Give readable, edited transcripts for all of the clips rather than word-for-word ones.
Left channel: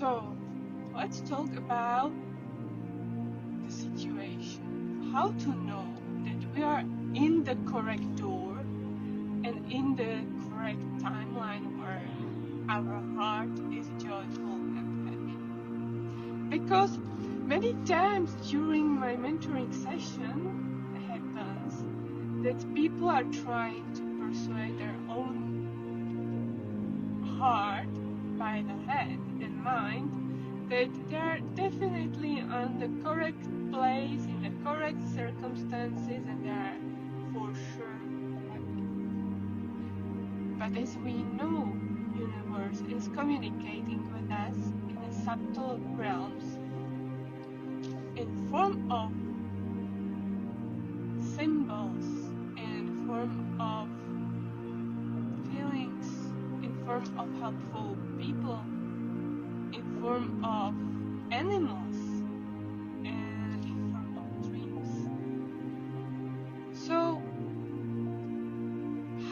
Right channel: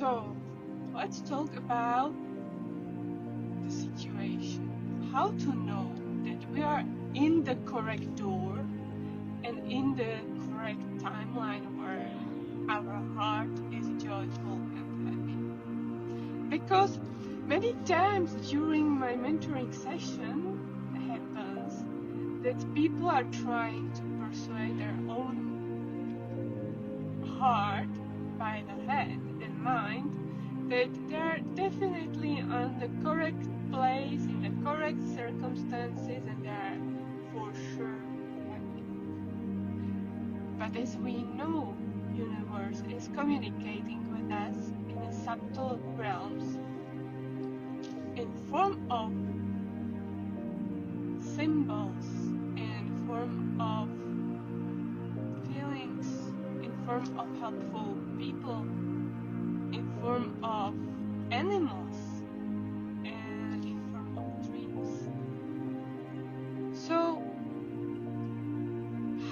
So, let's talk about the situation. How to know that we are in the correct door and in the correct timeline where our heart is joyful and happy. Because many times during my mentoring session happens that people are trying to persuade their own heart by the head and mind that they are definitely on the correct place in the correct circumstances and they are for sure happy. But as we know, universe is communicating with us in a subtle realms in form of symbols, in form of feelings, in form of helpful people, in form of animals, and in form of dreams. So,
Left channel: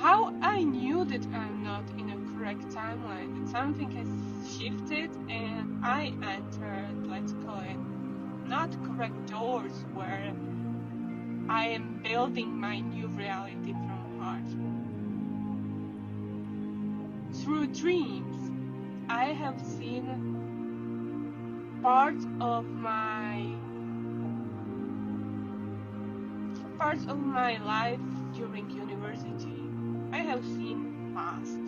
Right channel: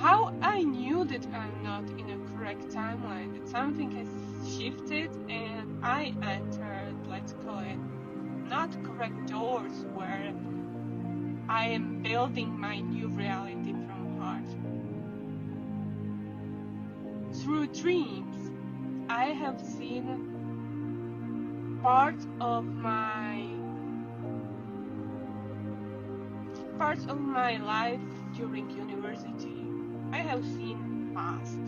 how I knew that I'm not in a correct timeline, that something has shifted and I entered, let's call it, not correct doors where I am building my new reality from heart. Through dreams, I have seen parts of my life during university. I have seen past.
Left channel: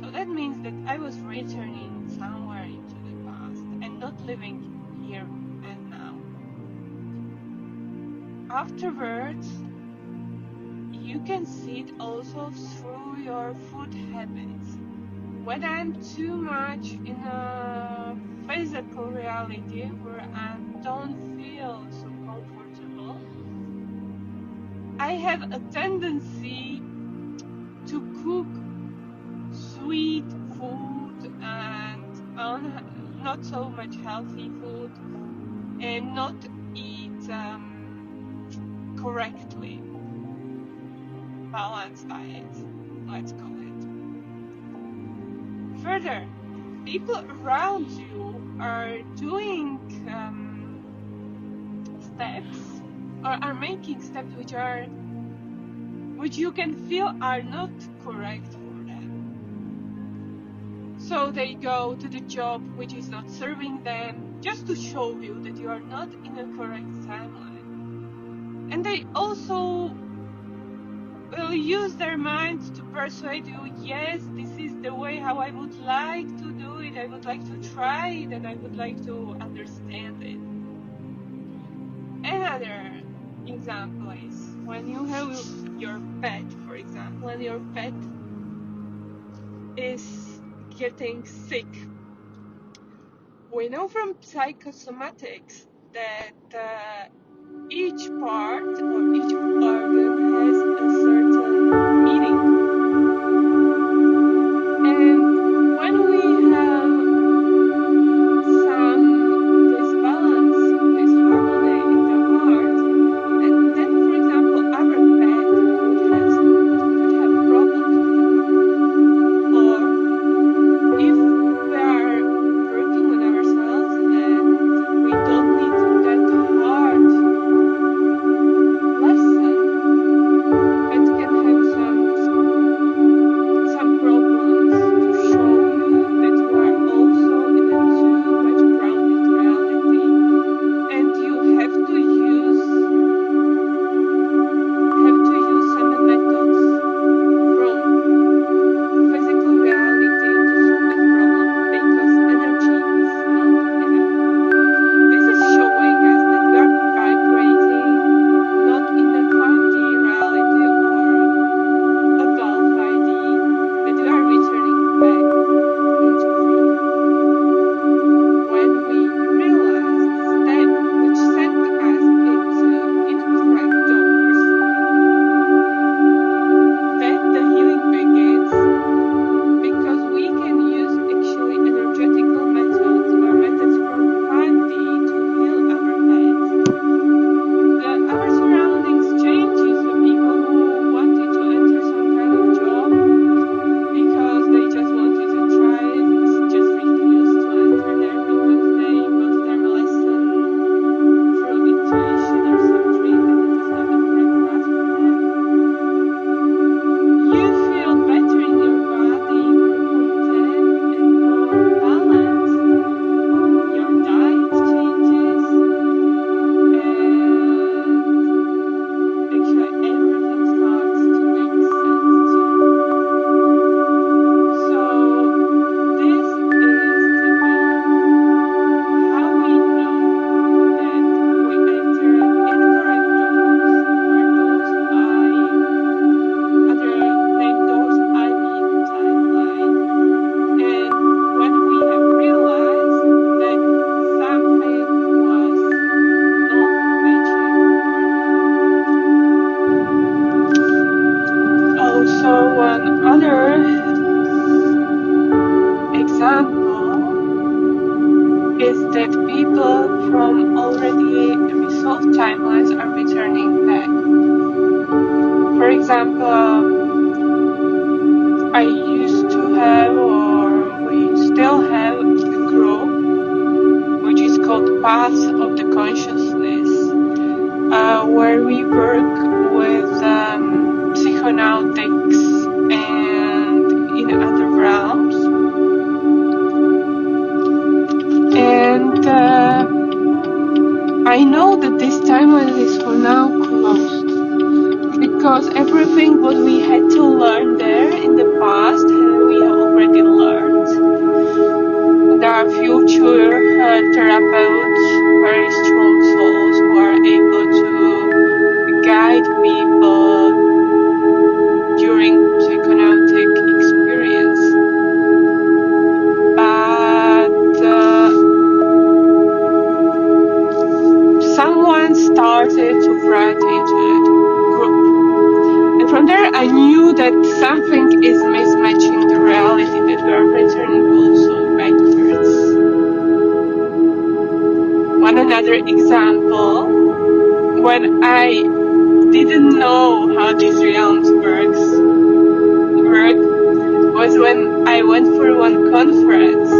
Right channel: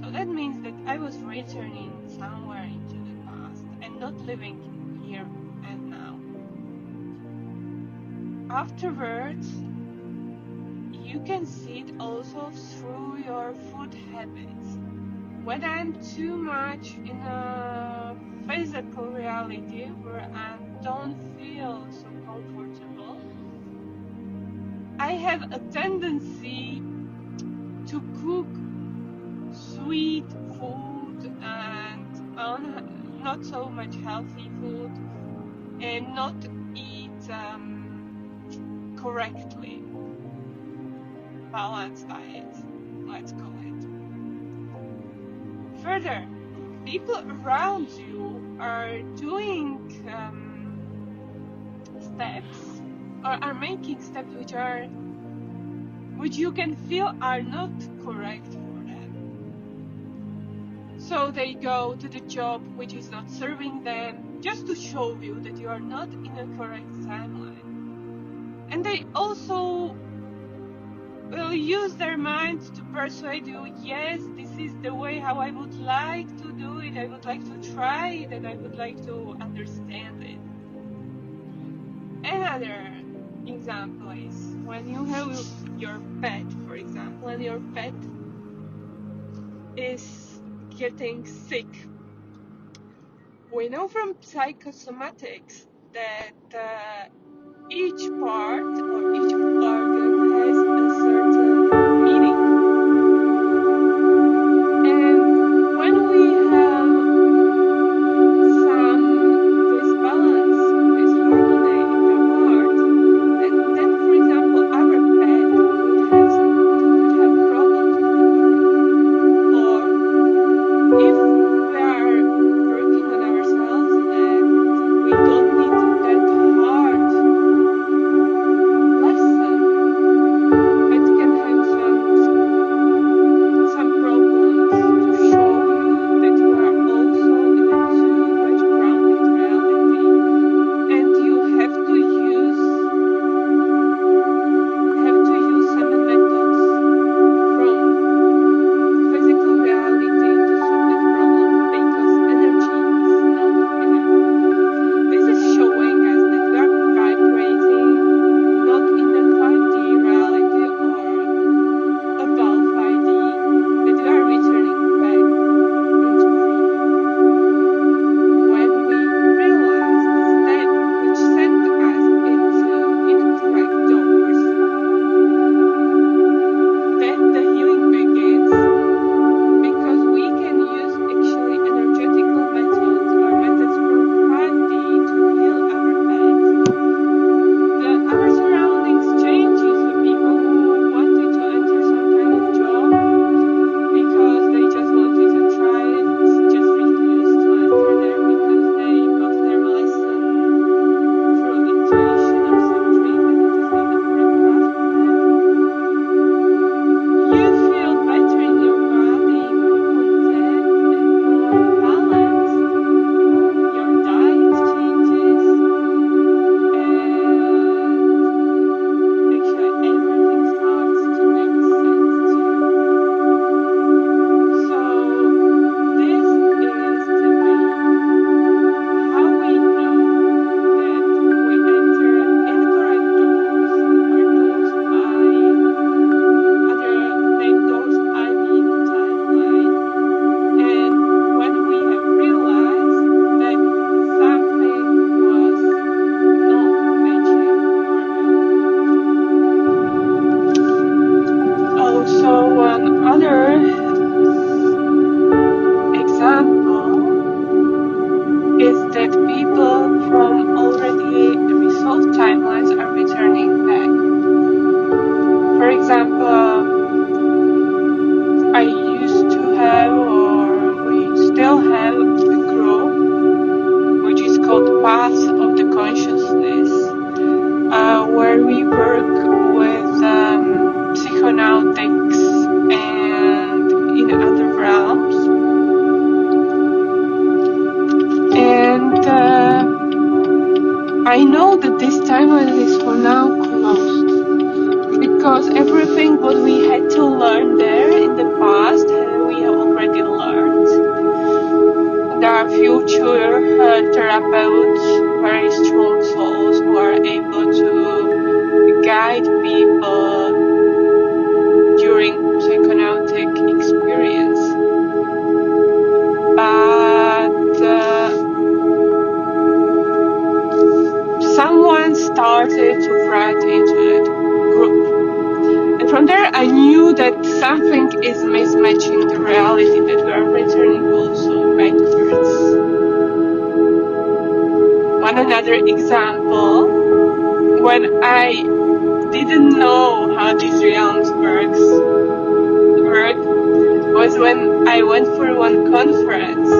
So that means that I was returning somewhere into the past and not living here and now. Afterwards, you can see it also through your food habits. When I'm too much in a physical reality where I don't feel so comfortable, I have a tendency to cook sweet food and not so much healthy food and not eat correctly balanced diet, let's call it. Further, people around you are doing steps or are making steps which you can feel are not correct for them. So they go to the job which is not serving them just to show you that you are not in a correct timeline. And they also will use their minds to persuade you, yes, this is the way how I would like to do it, I would like to try it, and I would like to understand it. Another example is when you have your pet, for example, and your pet is getting sick. We know from psychosomatics that each part or each organ has a certain meaning. And when we have some disbalance, disharmony in the heart, and then, for example, our pet could have problems with the heart. Or if we are working on ourselves and we don't need that hard lesson, it can example is that people from already resolved timelines are returning back. For example, I used to have, or we still have, a group which is called Path of the Consciousness, where we work with psychonautics and in other realms. And I know that this timeline is for now closed, because everything what we had to learn there in the past, we have already learned. There are future therapeutes, very strong souls who are able to guide people during psychonautic experience. But someone started to write into that group. And from there I knew that something is mismatching the reality, that we are returning also backwards. One another example, when I didn't know how these realms work, was when I went for one conference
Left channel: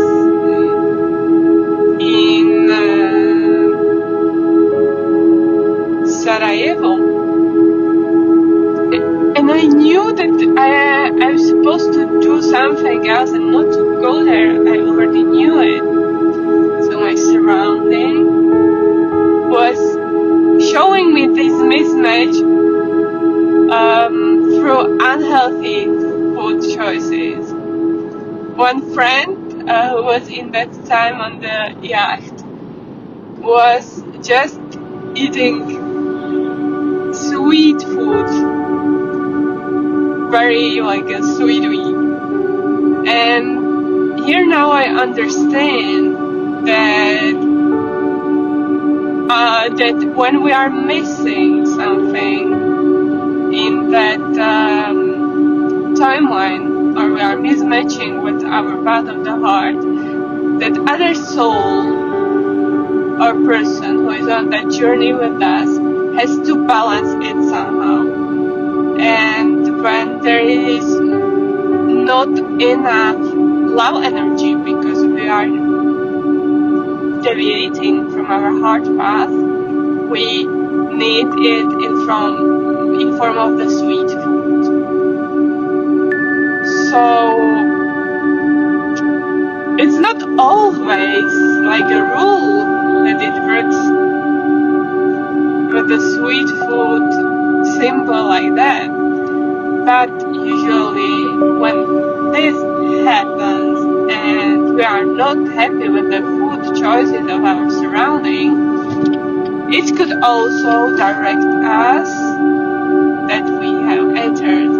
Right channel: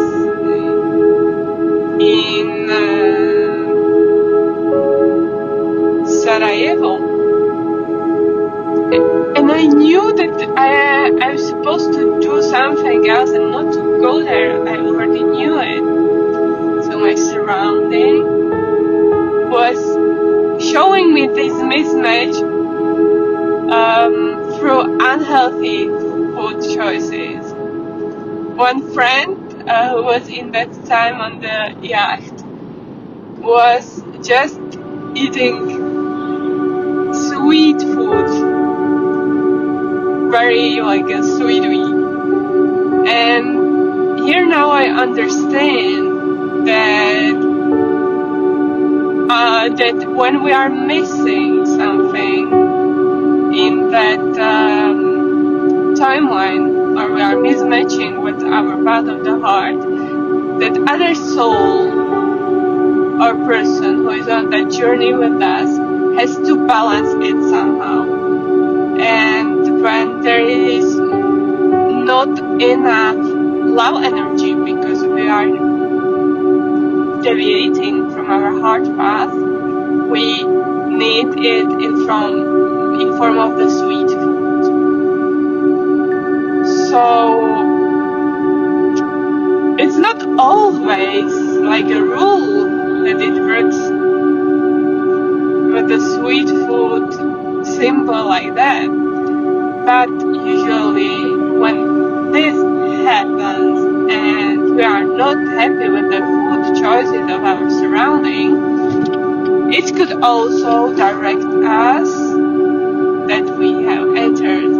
in Sarajevo, and I knew that I was supposed to do something else and not to go there. I already knew it. So my surrounding was showing me this mismatch through unhealthy food choices. One friend who was in that time on the yacht was just eating sweet food, very like a sweet wheat. And here now I understand that that when we are missing something in that timeline, or we are mismatching with our path of the heart, that other soul or person who is on that journey with us has to balance it somehow. And when there is not enough love energy because we are deviating from our heart path, we need it in form of the sweet food. So it's not always like a rule that it works with the sweet food symbol like that. But usually when this happens and we are not happy with the food choices of our surrounding, it could also direct us that we have entered